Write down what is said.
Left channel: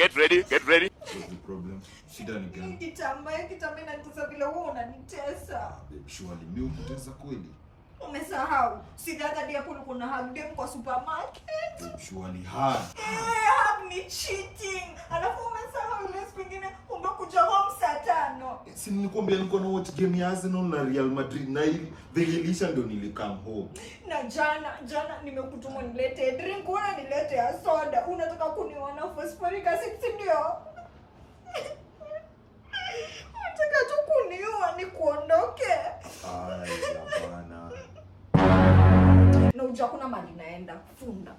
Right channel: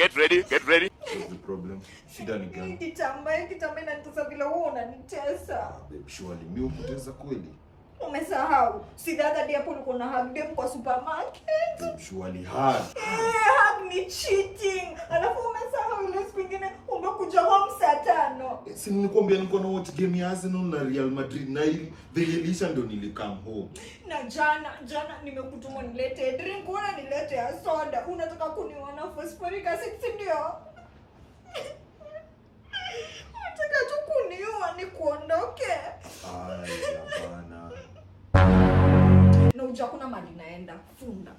Get ready, get ready. What's the problem? Shida ni gani? Kitamba na nitesa vile wewe unanitesa. Babe, surely mimi ukutesa kweli? Umesahau. Si dada dia hapo ulikuwa na hug dem kwa supermarket. Babe, surely hard. Hug ni cheating. Alafu umesahau ile siku nyingine umekuja home saa 5. Si nilikwambia nilikuwa na watch game ya Arsenal na Real Madrid na ili vigilisha ndio nilikam home. Na jana nimekutuma nilete drink, una nilete ya soda. Unataka kuniona phosphoric acid ndio? Unataka tu kuniua ni kuondoke. Ai, hapana. Na unajua kuna mali naenda funda.